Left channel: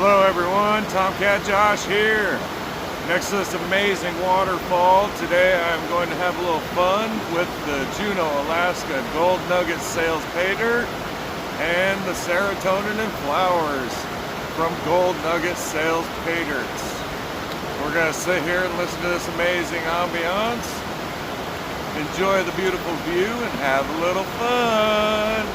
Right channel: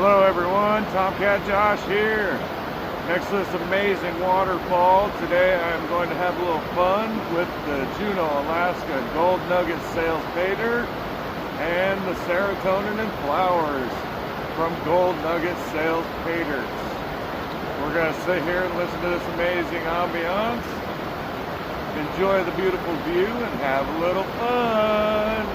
Hello everyone, Tomcat Josh here. Next to this amazing waterfall, today I'm going to have a little fun with the Juno, Alaska Gold Nugget Sales paydirt and the Serotonin and flowers from Gold Nugget Sales paydyrts. We're going to sit here and listen to this amazing ambiance, enjoy the beautiful view, and have a little fun.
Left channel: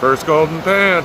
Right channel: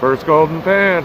First golden pan.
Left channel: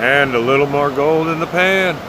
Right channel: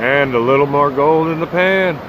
And a little more gold in the pan.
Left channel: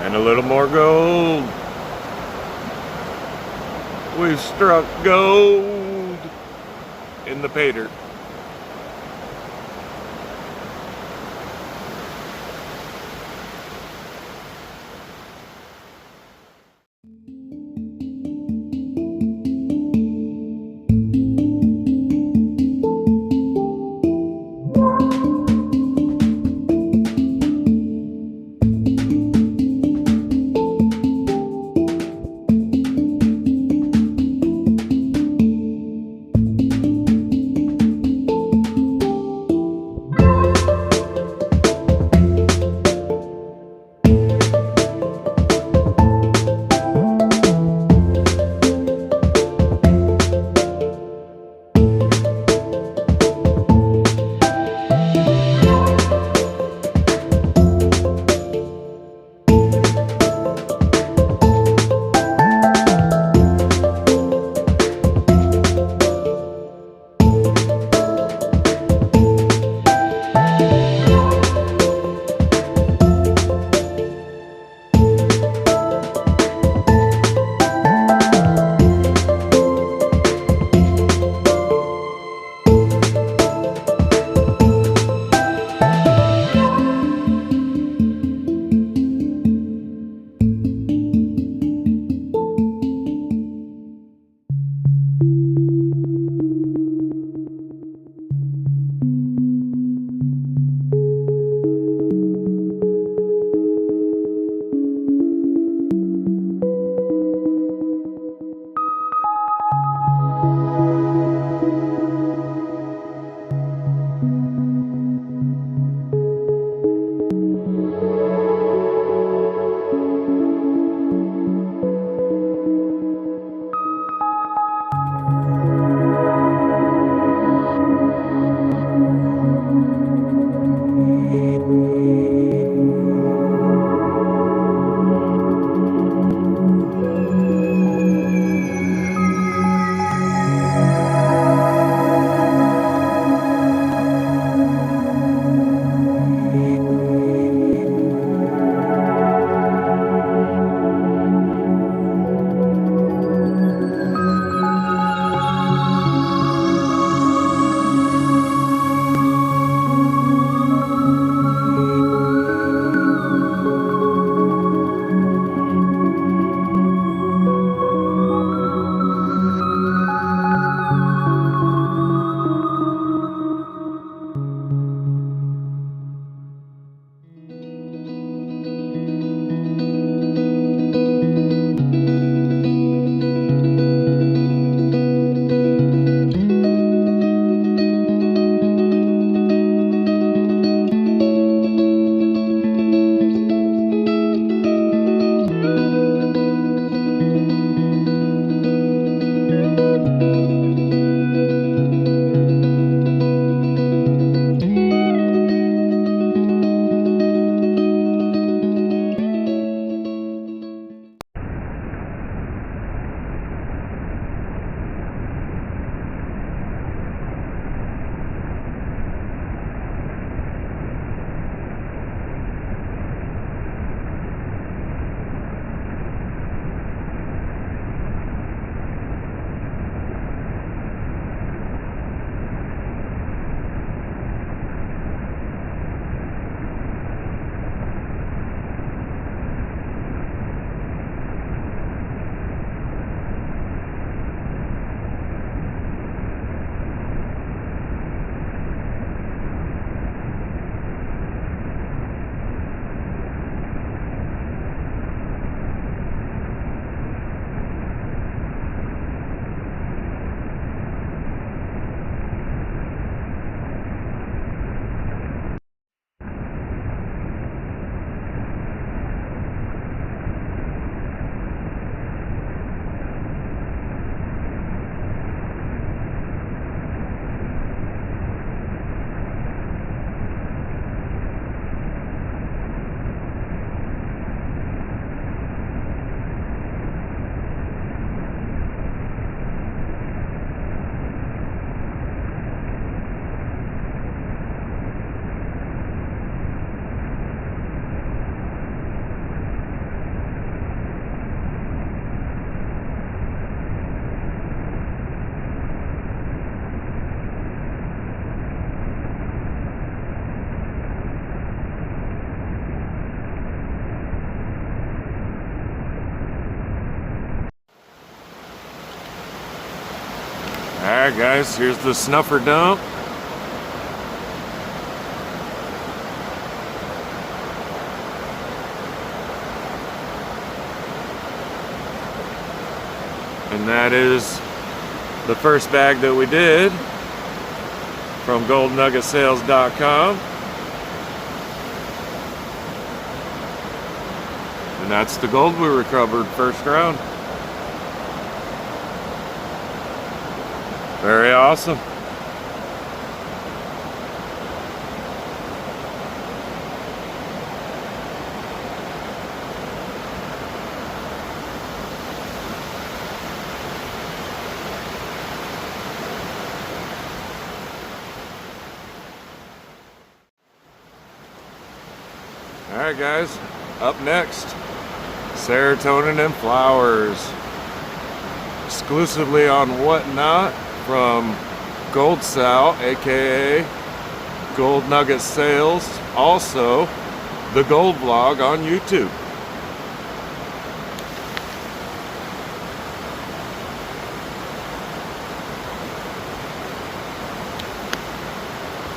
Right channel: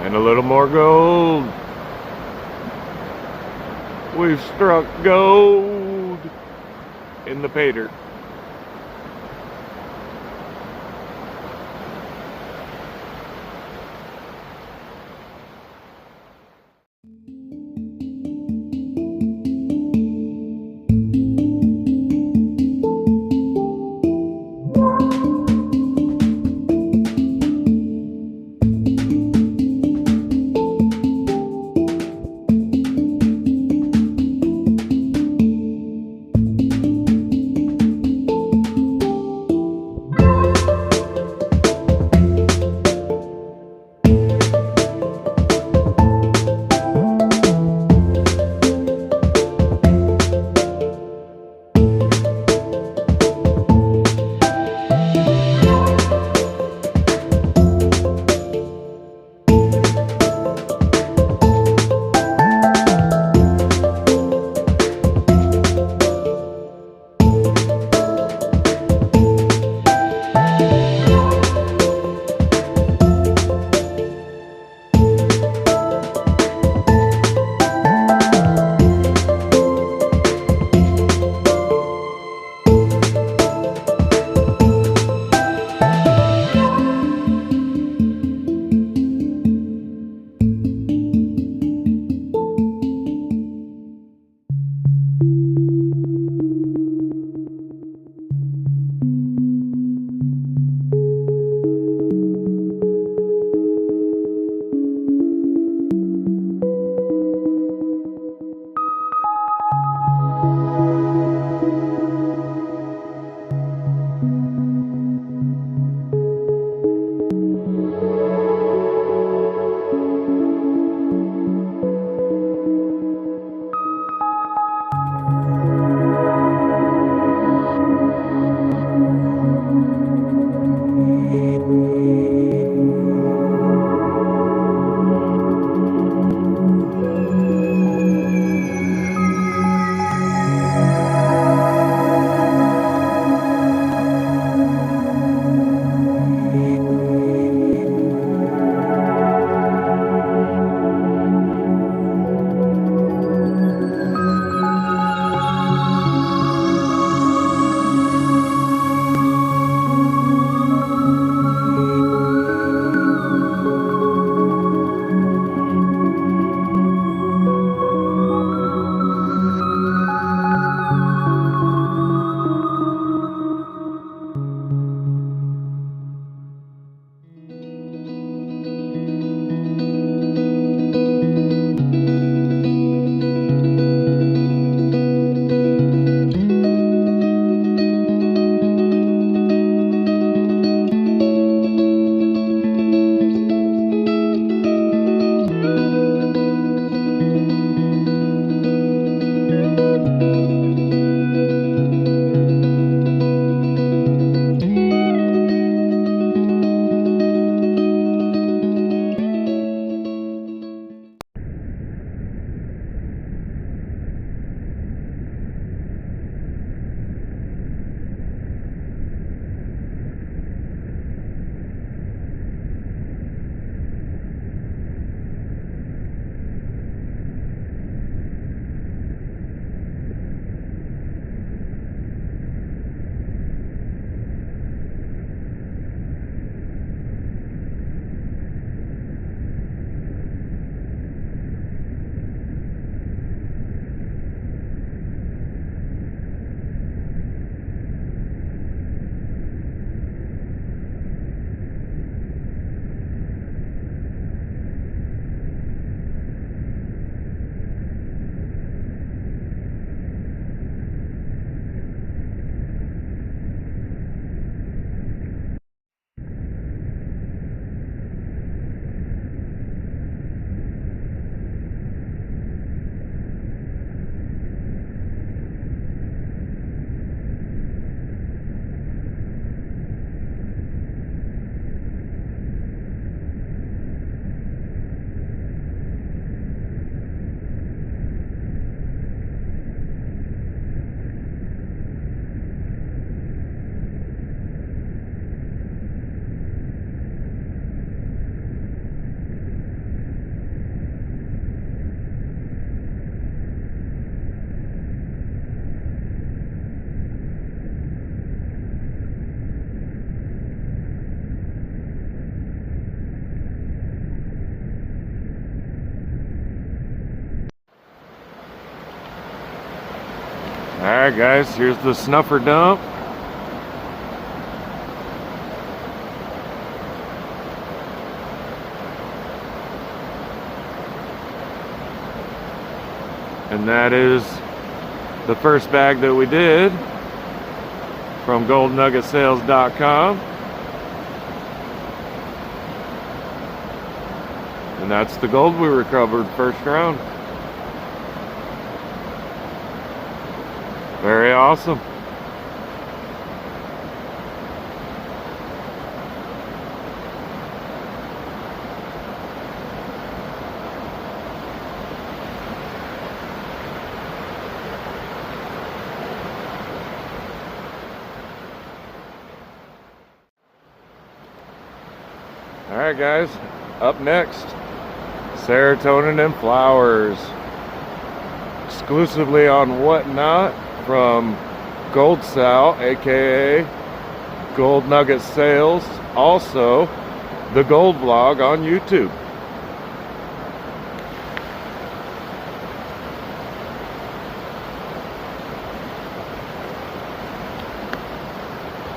And a little more gold. We've struck gold in the paydirt. Alright guys, here's the snuffer dump. And that is the first bag that we did from goldnuggetsales.com. And that's the gold we recovered first round. Very awesome. Alright guys, up next, Serotonin and Flowers. Exclusively on Whatnot from goldsal, aka Gold Nugget Sales, also the Gold Vlog on YouTube.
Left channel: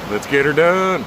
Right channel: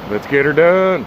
Let's get her done.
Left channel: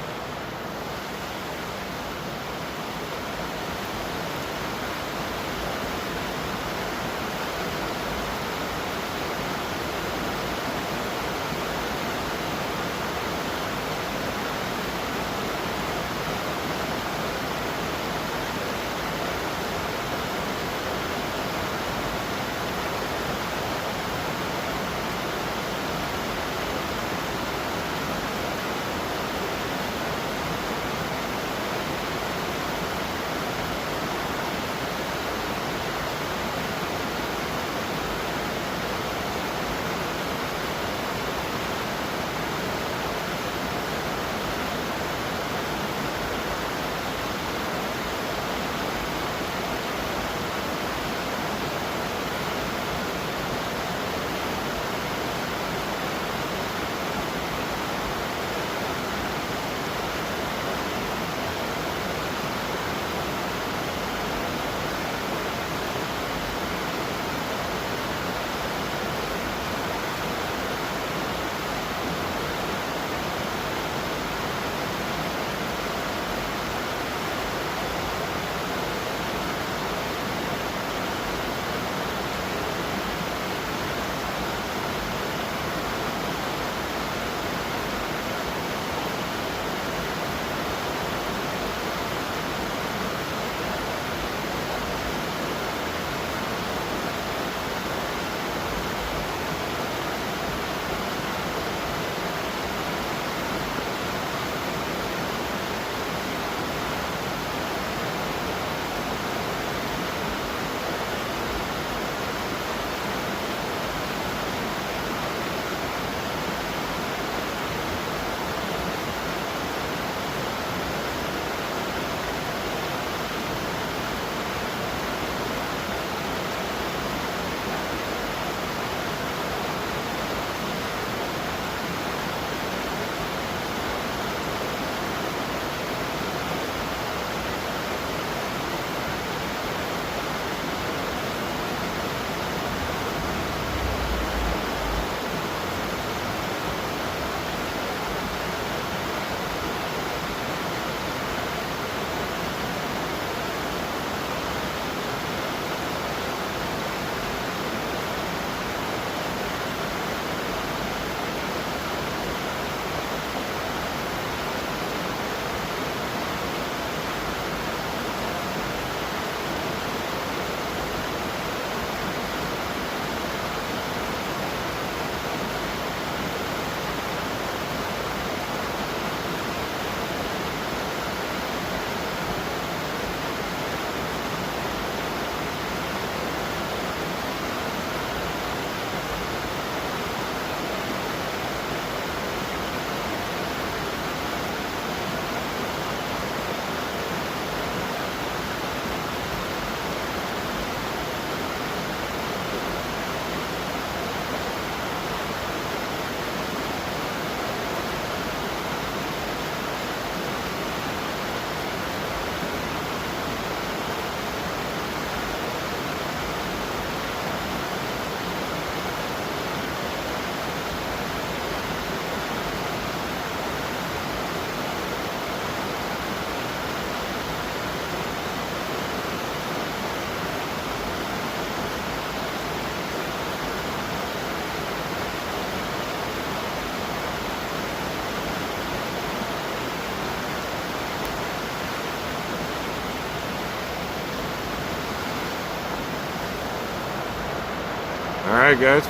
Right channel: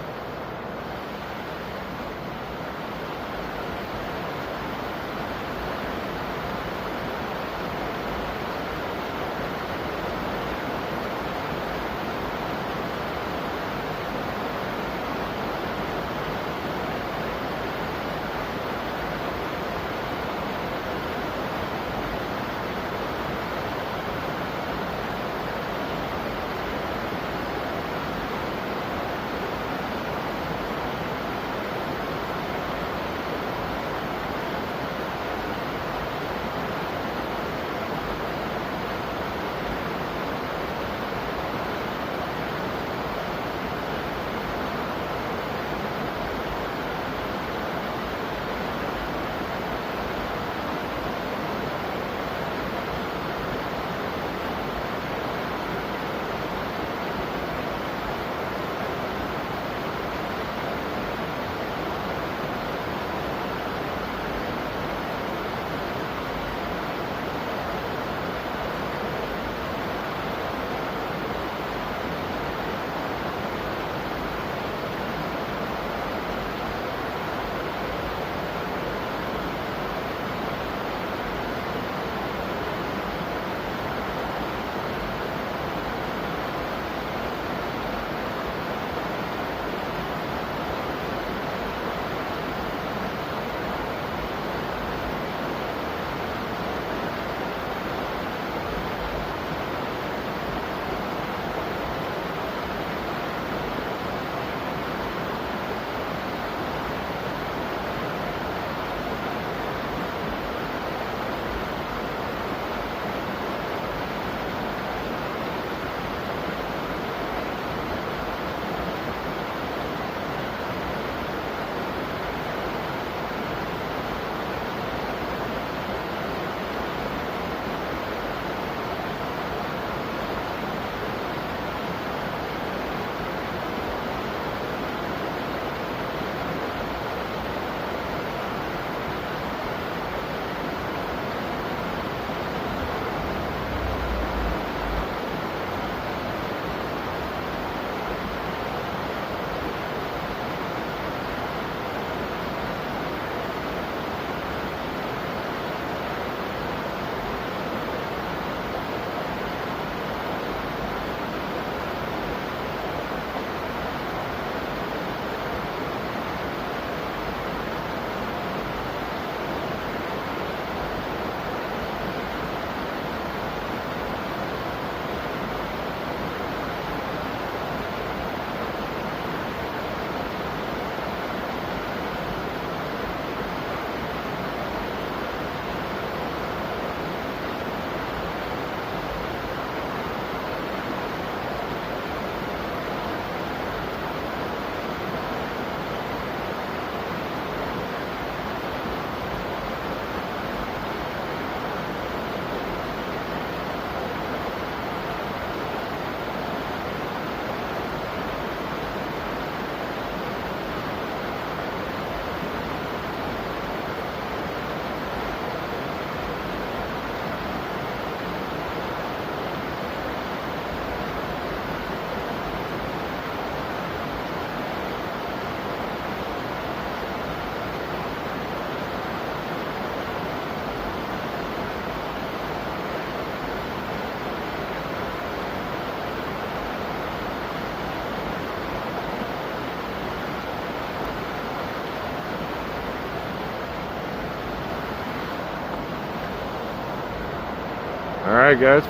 Alright guys,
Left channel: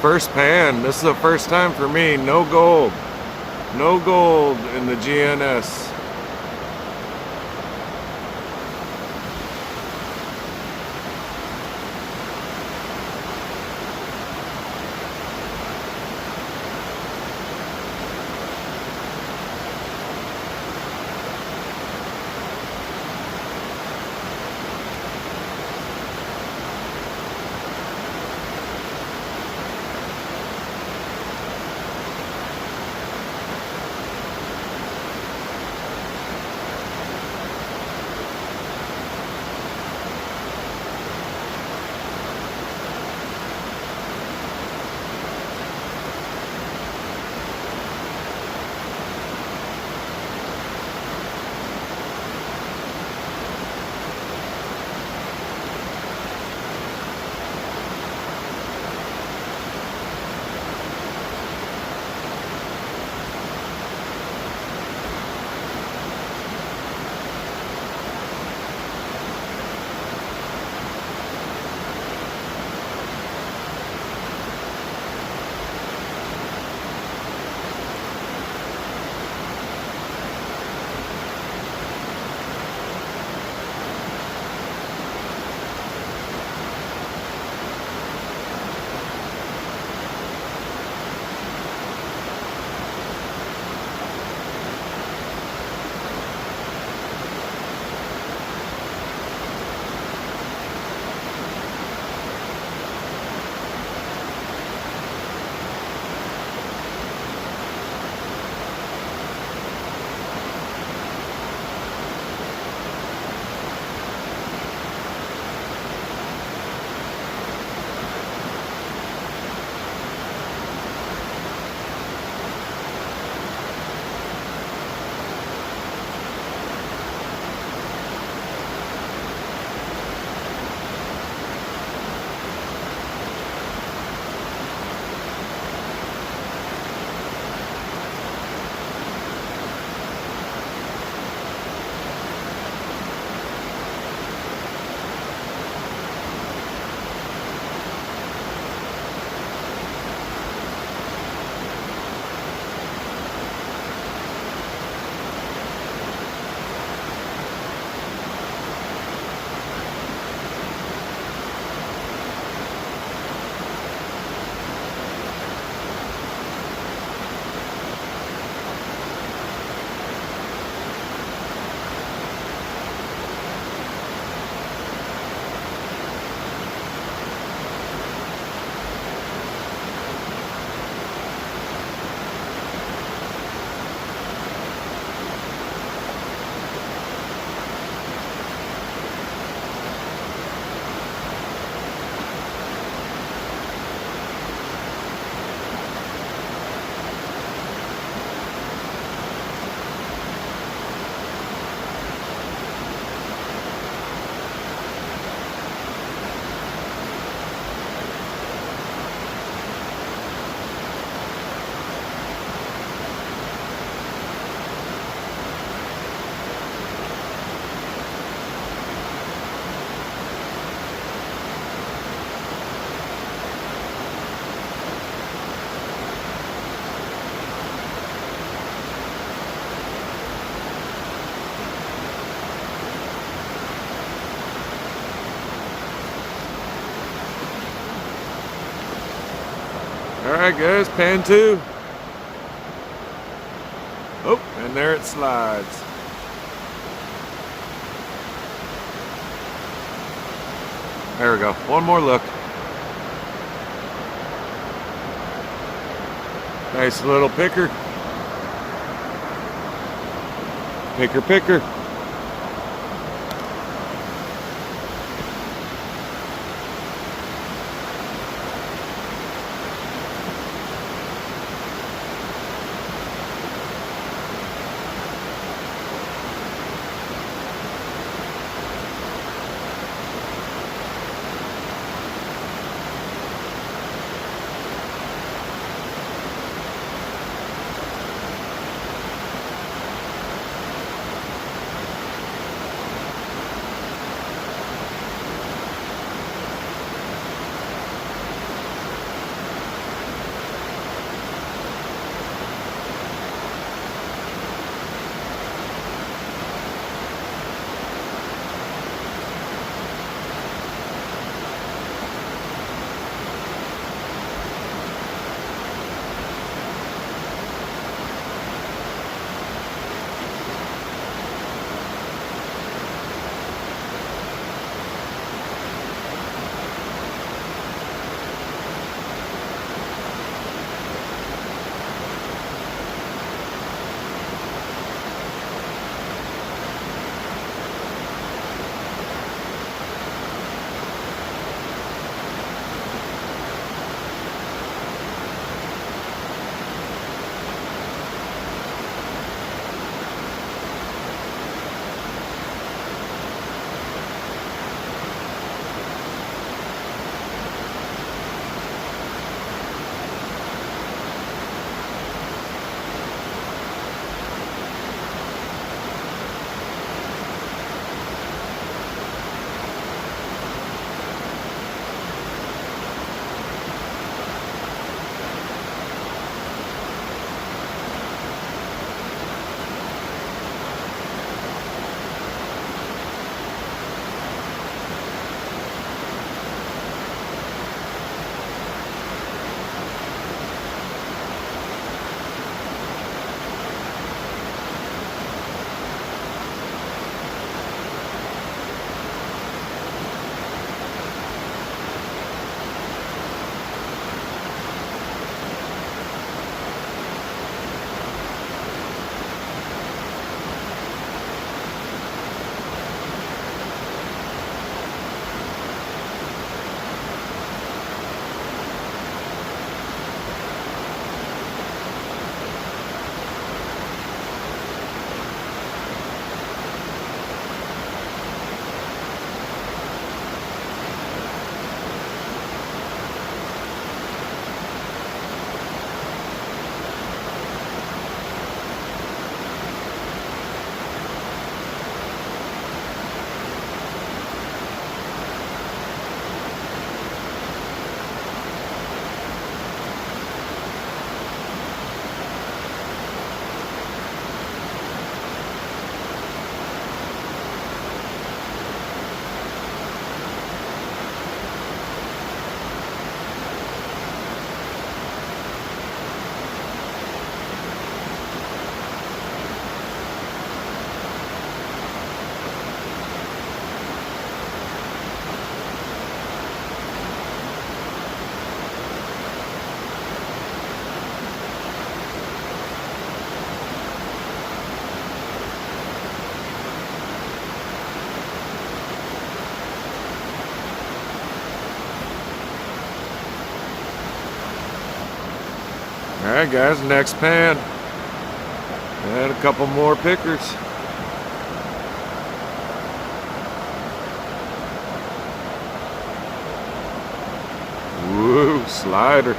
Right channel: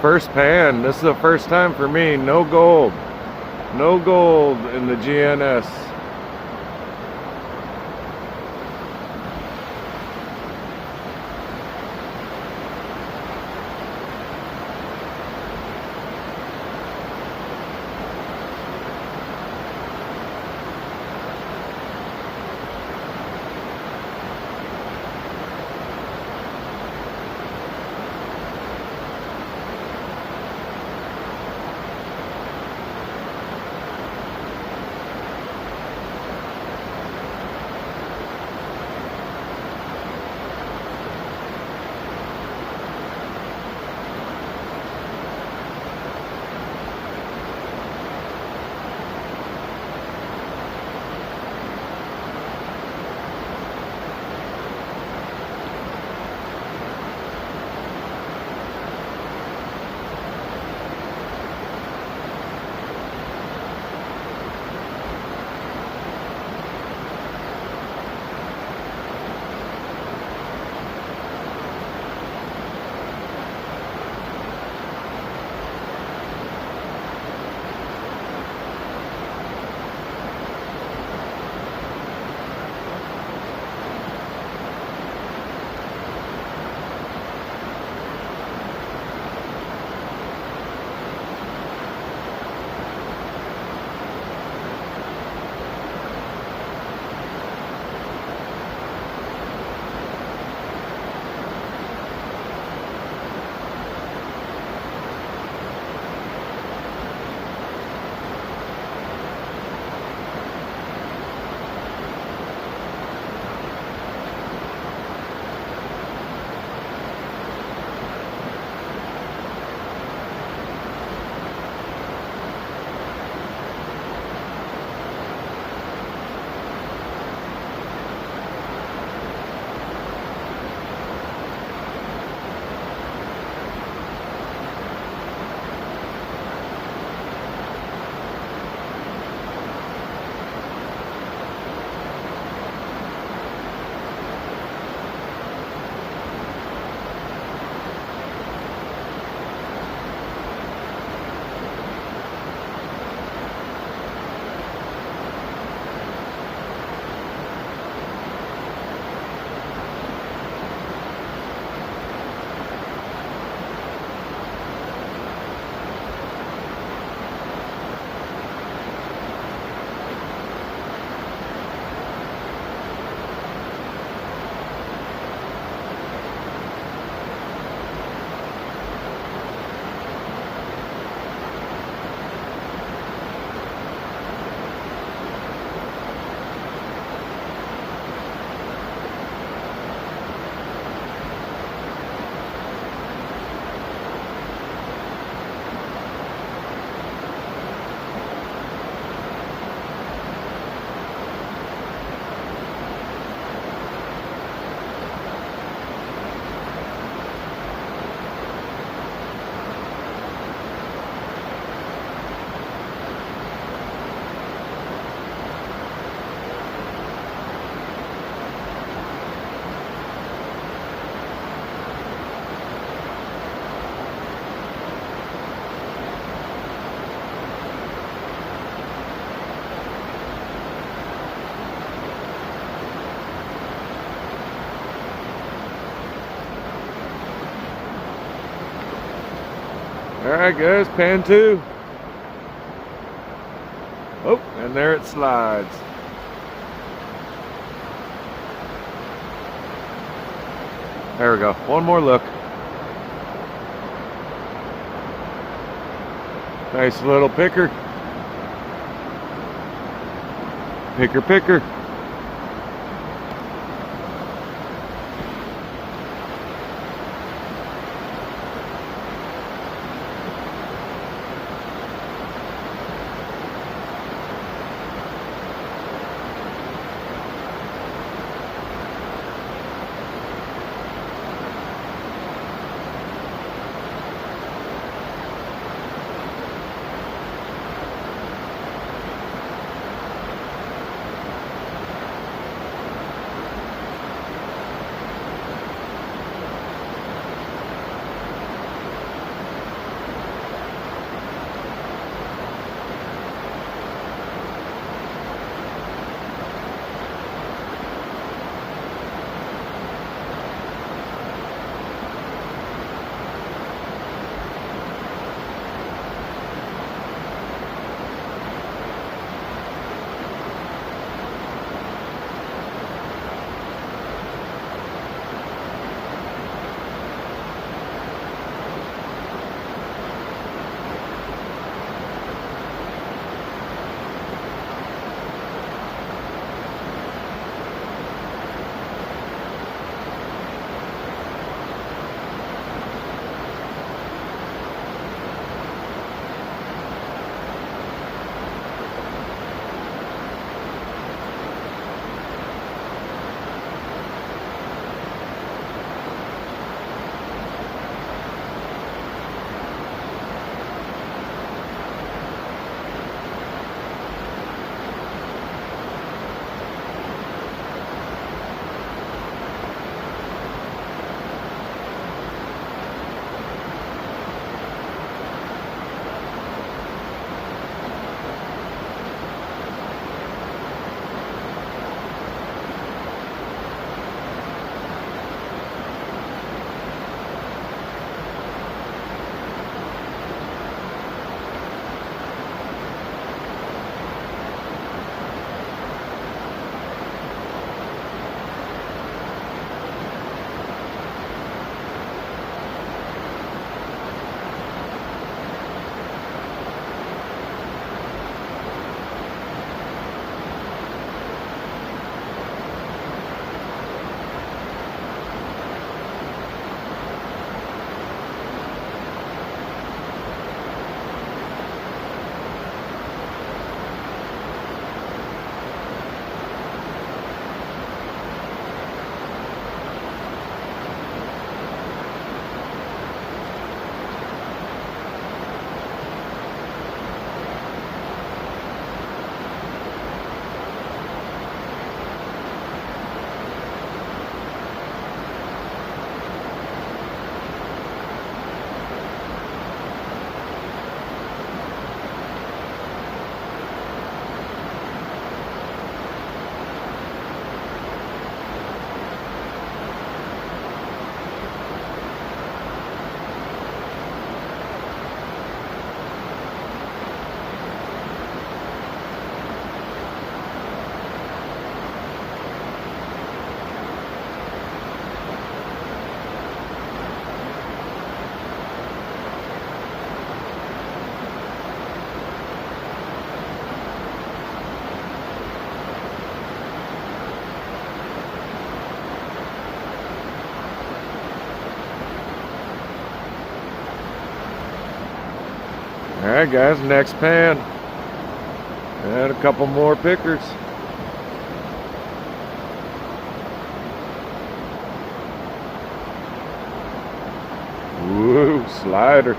first pan. This is the first time for me. No gold. No gold in the GNS. Alright guys, pan two. Oh, and there it slides. There we go. One more look. Nice little picker. Picker, picker. Alright guys, next pan. And a couple more pickers. Woo, slider.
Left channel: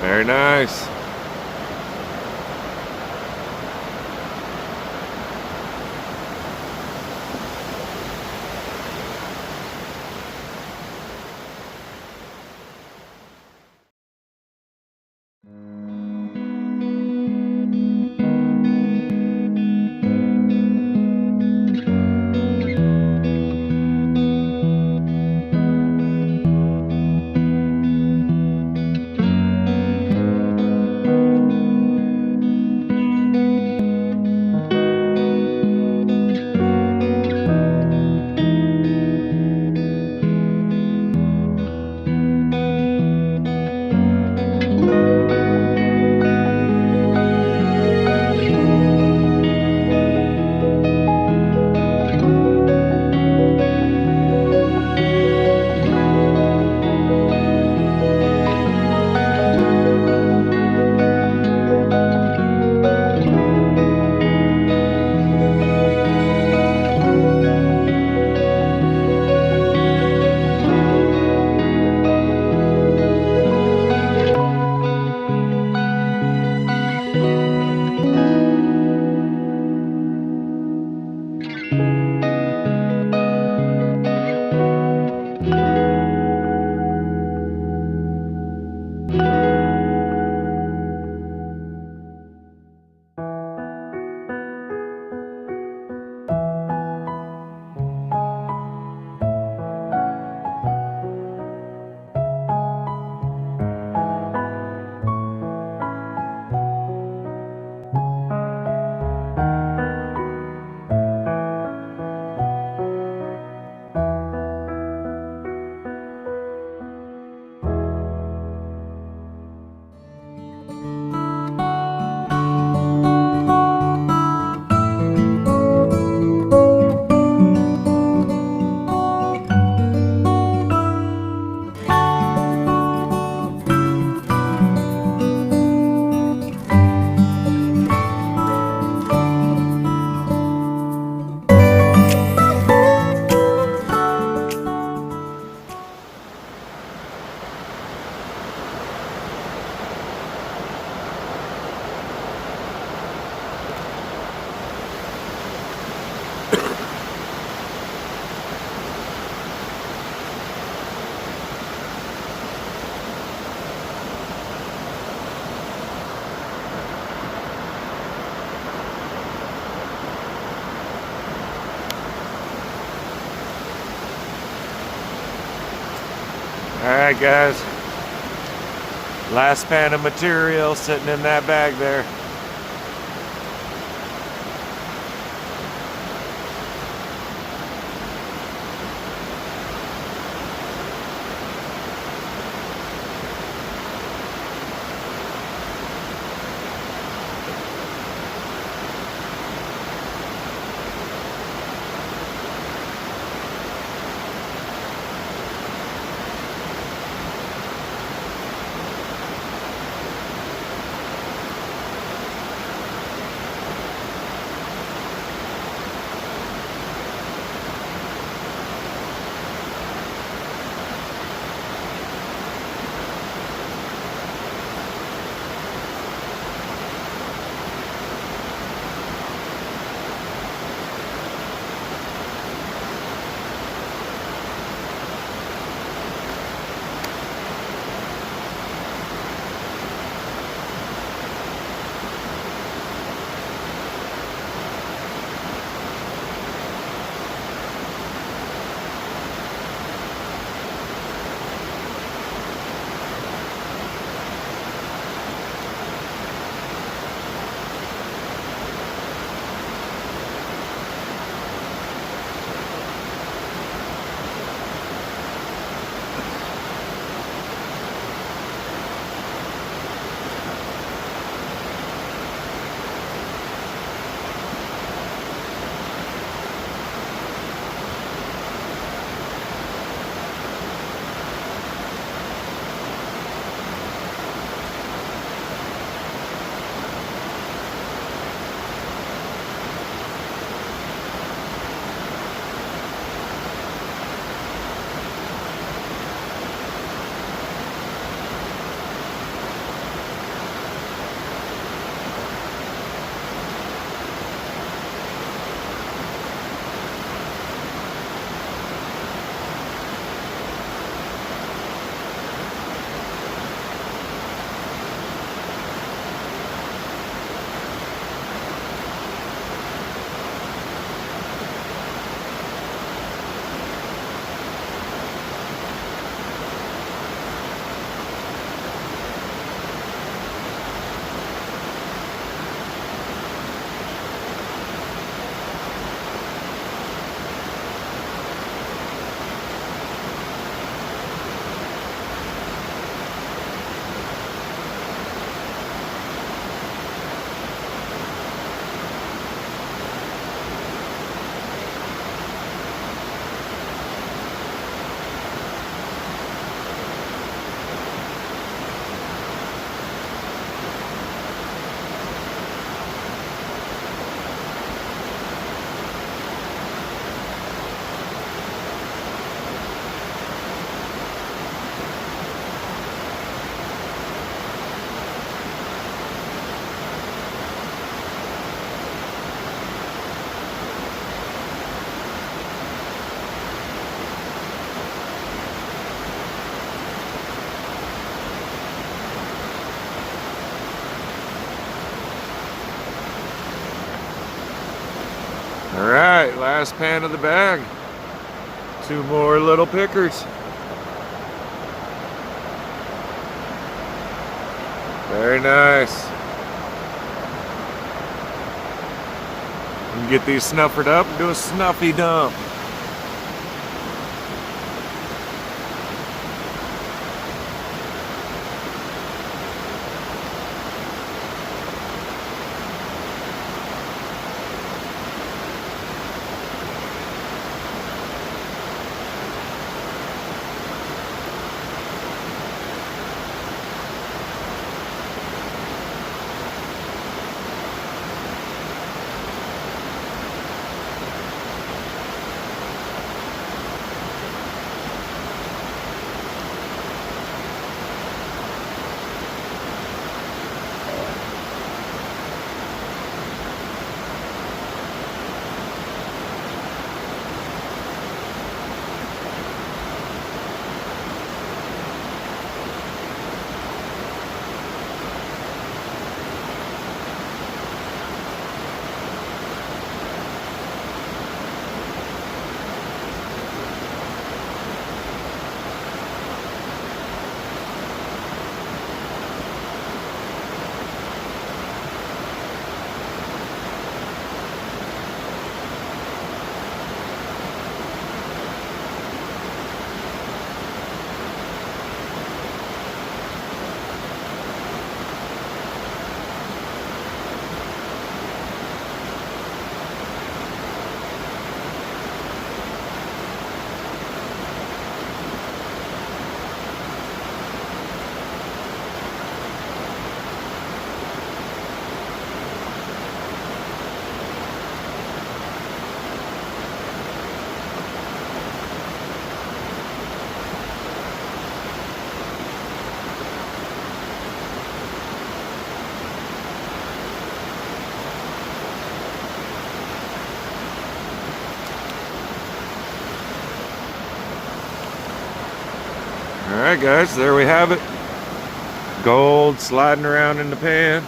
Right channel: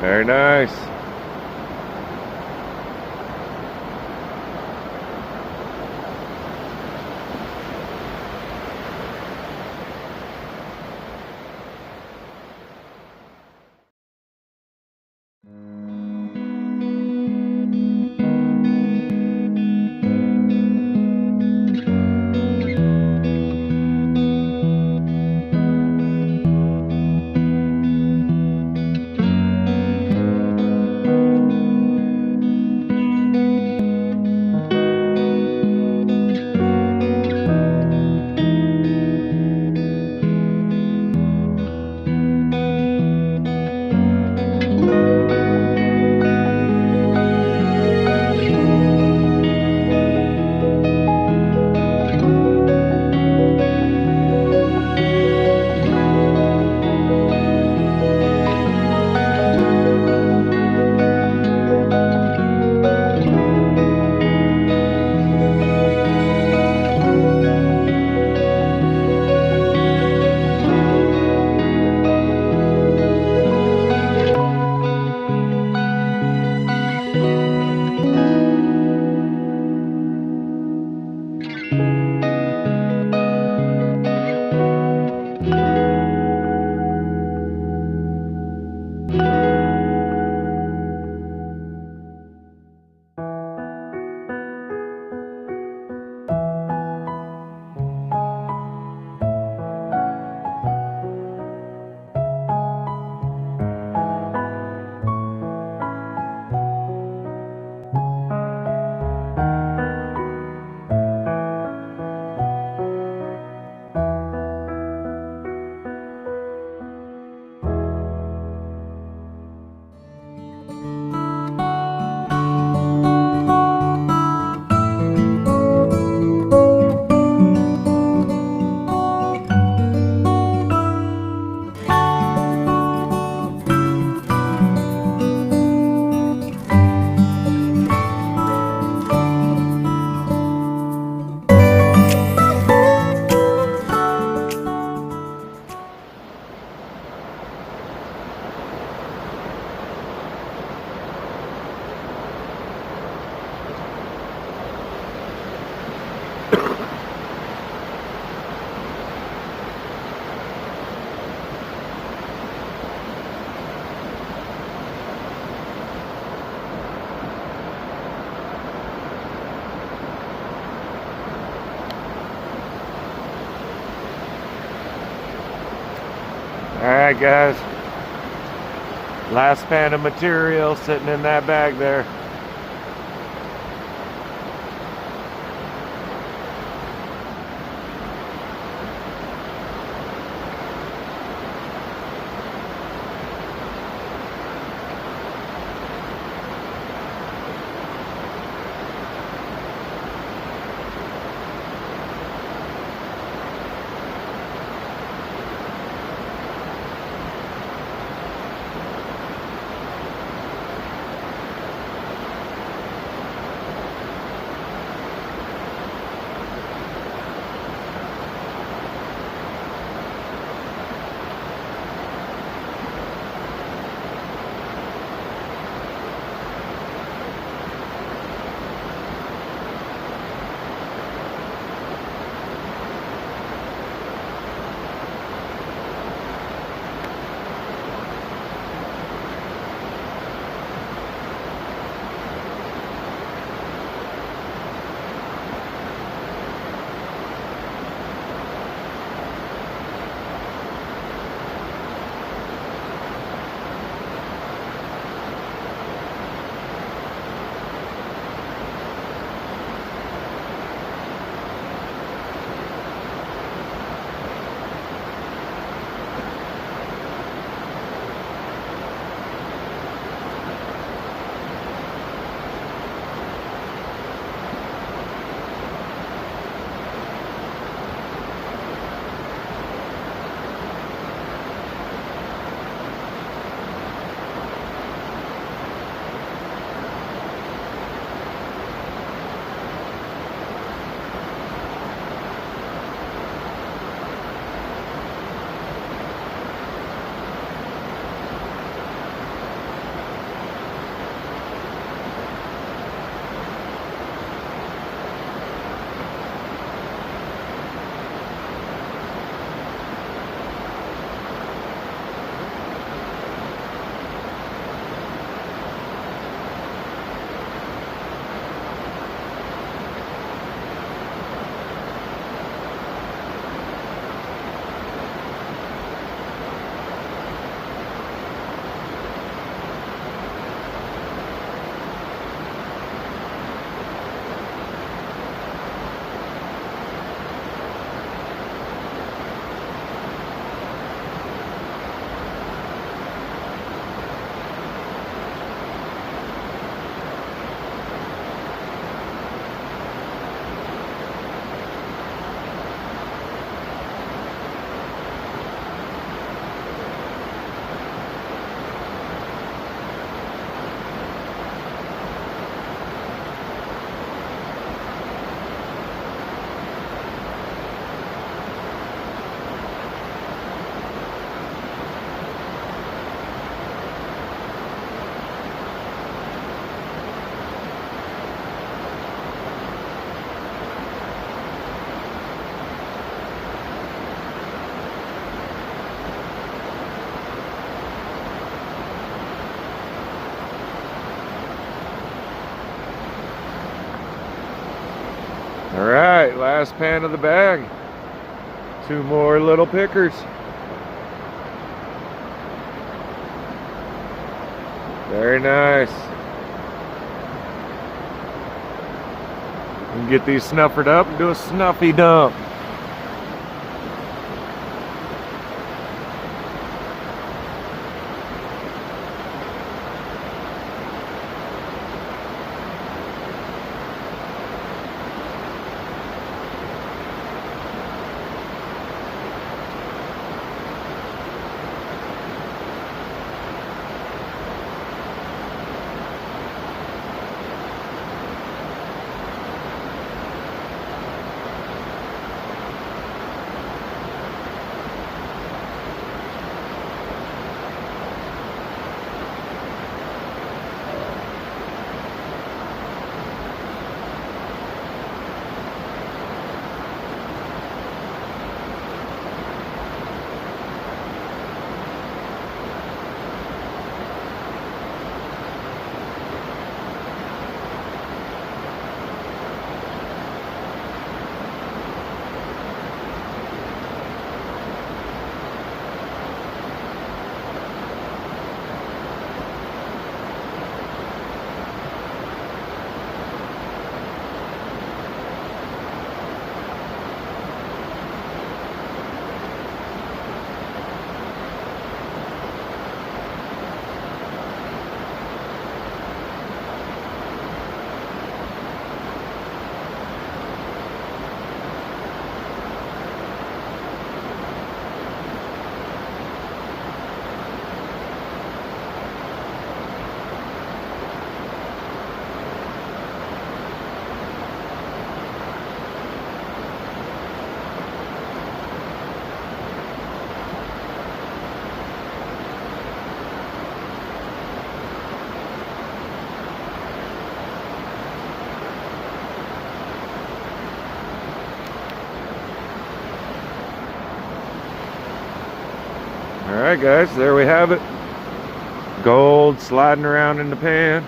Very nice. Alright guys, last pan of material sitting in that bag there. All right, last pan of the bag. 2 more little pickers. Very nice. And get these snuffered up and do a snuffy dump. Alright guys, there we have it. Gold sliding around in the pan.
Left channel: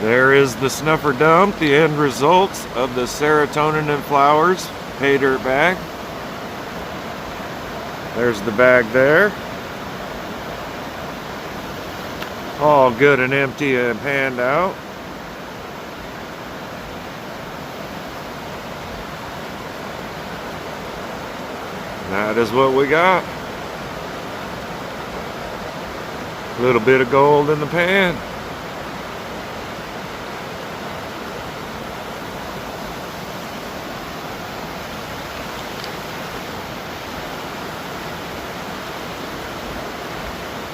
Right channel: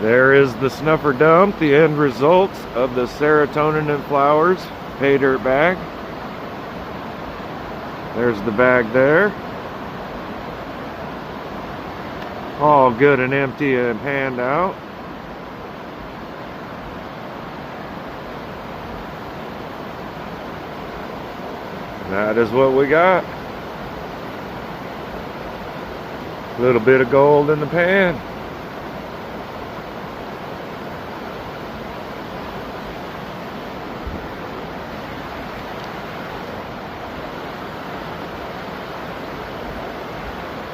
There is the snuffer dump, the end results of the serotonin and flowers pay dirt bag. There's the bag there. All good and empty and panned out. That is what we got. A little bit of gold in the pan.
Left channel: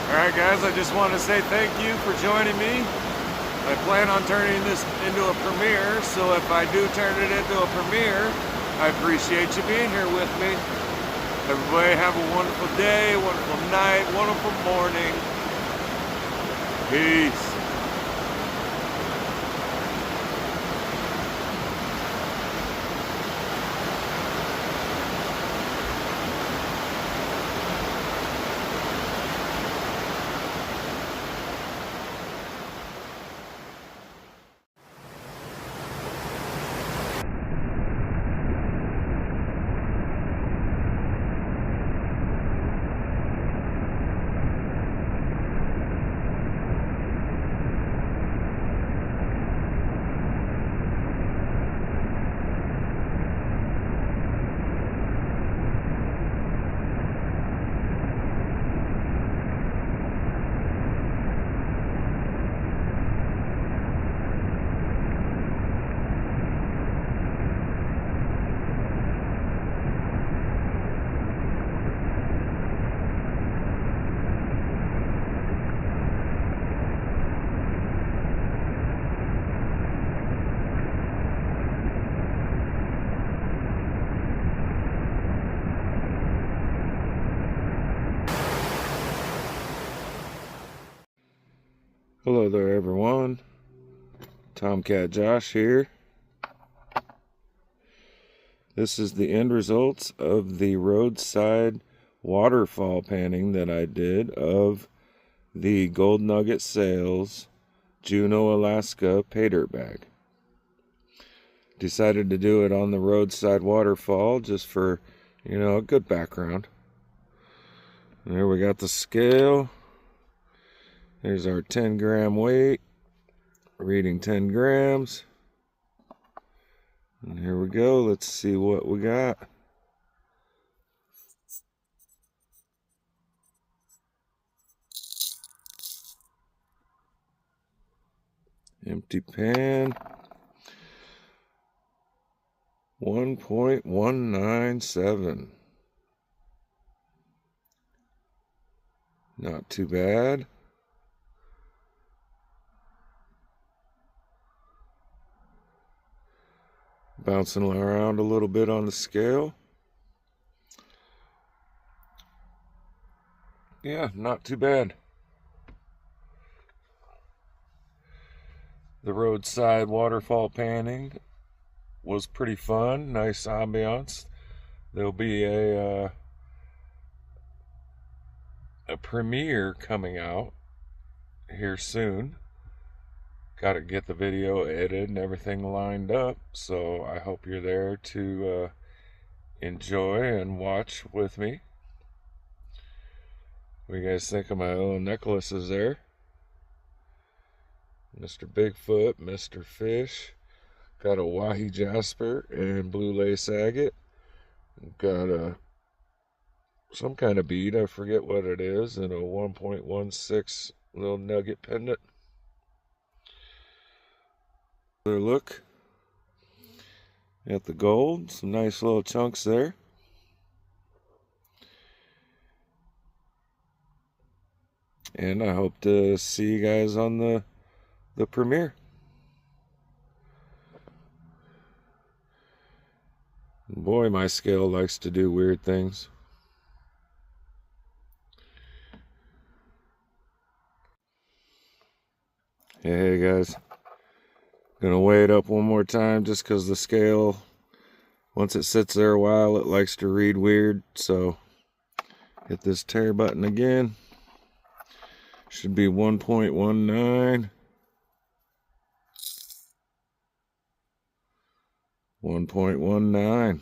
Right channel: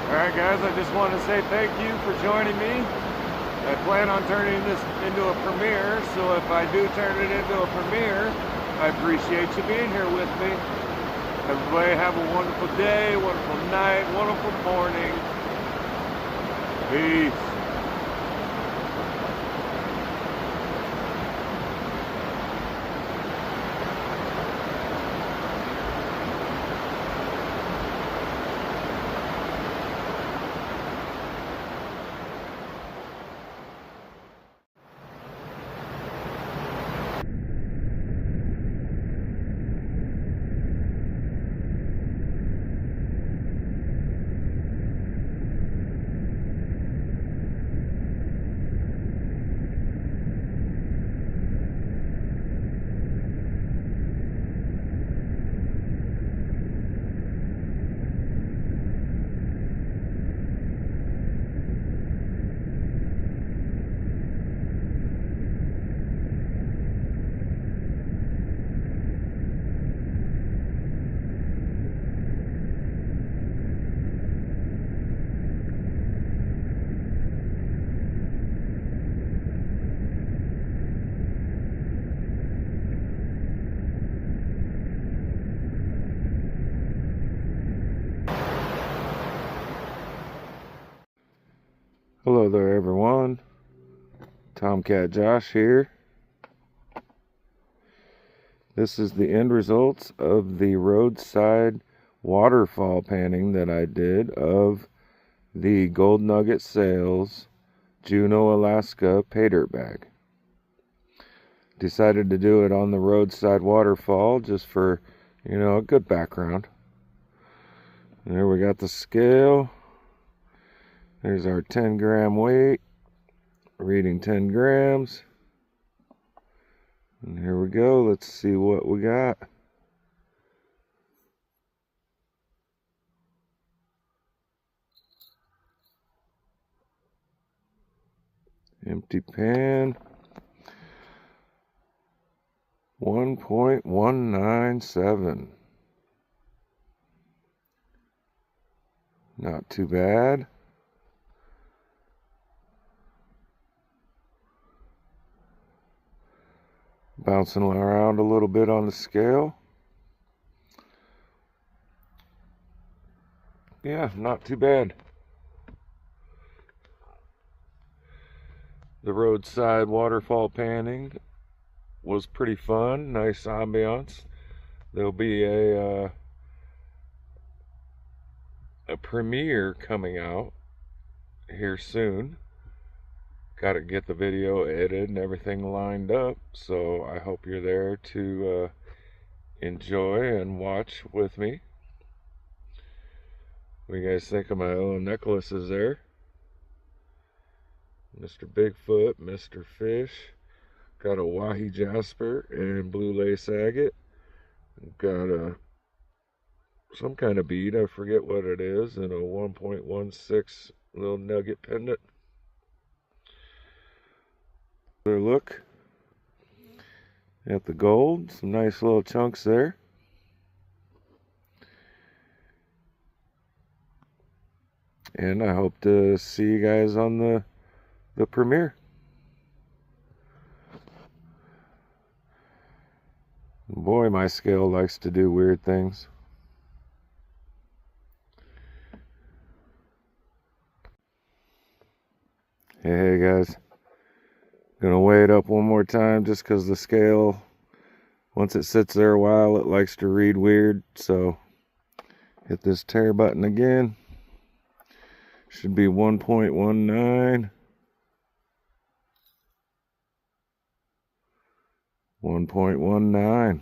Alright guys, I just want to say thank you for joining me. I plan on turning this into a premiere, so if I do turn it into a premiere, I appreciate you being here with me. Everybody have a wonderful day, wonderful night, wonderful morning. Peace. Hello there everyone, Tomcat Josh here. This is the end results of the roadside waterfall panning that I did of the Gold Nugget Sales Juno, Alaska paydirt bag. Decided to do it on the roadside waterfall just for, a good background. And there we got the scale. There's our 10-gram weight, reading 10 grams. And here we go. Let's see what we got. Empty pan. 1.197. Not too bad. Bouncing around a little bit on the scale. Yeah, not too bad. The roadside waterfall panning was pretty fun. Nice ambiance. There'll be a premiere coming out here soon. Got to get the video edited and everything lined up, so I hope you're there to enjoy and watch with me. What do you guys think of my little necklaces there? Mr. Bigfoot, Mr. Fish. Got a wahi jasper and blue lace agate. Got some kind of bead, I forget what it is, and a 1.16 little nugget pendant. Another look at the gold, some nice little chunks there. And I hope to see you guys on the premiere. Boy, my scale likes to do weird things. Hey guys, gonna weigh it up one more time just because the scale, once it sits there a while, it likes to read weird. So hit this tear button again. Should be 1.19. 1.19.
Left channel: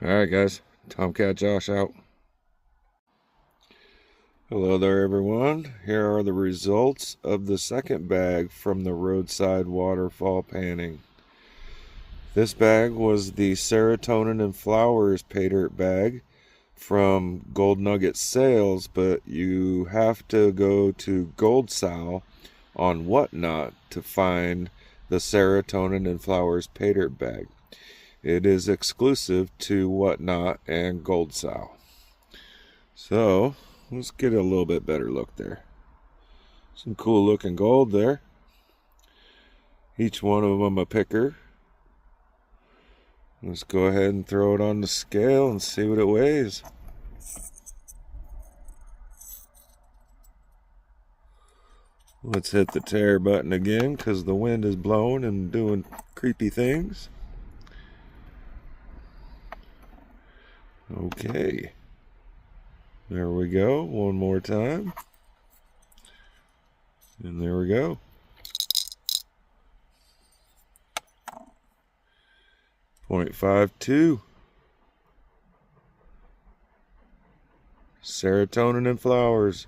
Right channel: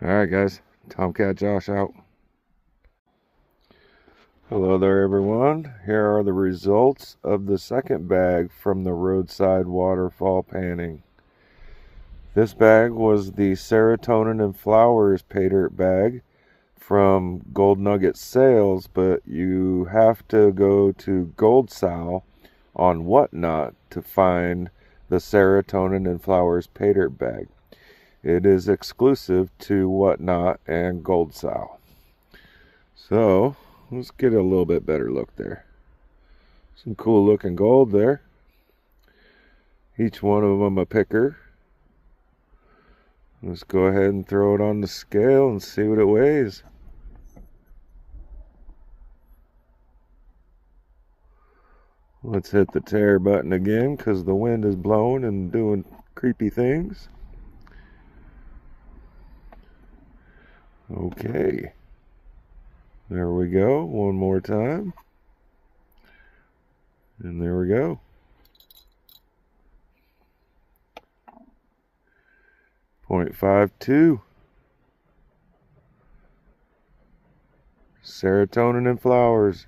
Alright guys, Tomcat Josh out. Hello there everyone. Here are the results of the second bag from the roadside waterfall panning. This bag was the Serotonin and Flowers paydirt bag from Nugget Sales, but you have to go to goldsal on Whatnot to find the Serotonin and Flowers paydirt bag. It is exclusive to Whatnot and goldsal. So let's get a little bit better look there. Some cool looking gold there. Each one of them a picker. Let's go ahead and throw it on the scale and see what it weighs. Let's hit the tear button again because the wind is blowing and doing creepy things. Okay. There we go. One more time. And there we go. .52. Serotonin and Flowers.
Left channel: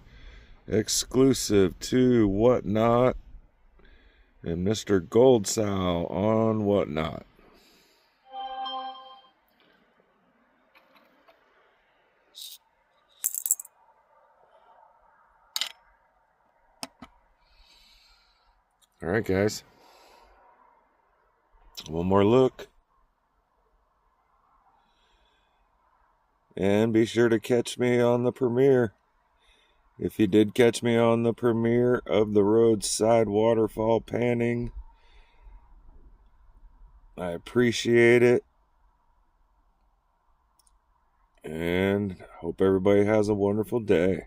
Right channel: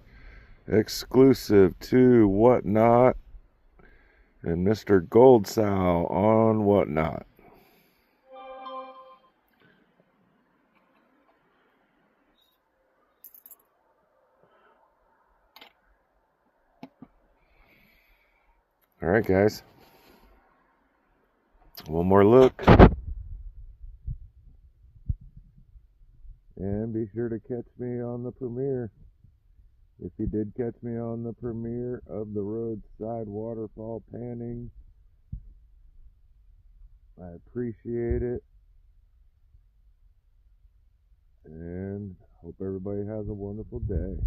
Exclusive to Whatnot and Mr. Goldsal on Whatnot. All right, guys. One more look. And be sure to catch me on the premiere. If you did catch me on the premiere of the roadside waterfall panning, I appreciate it. And hope everybody has a wonderful day.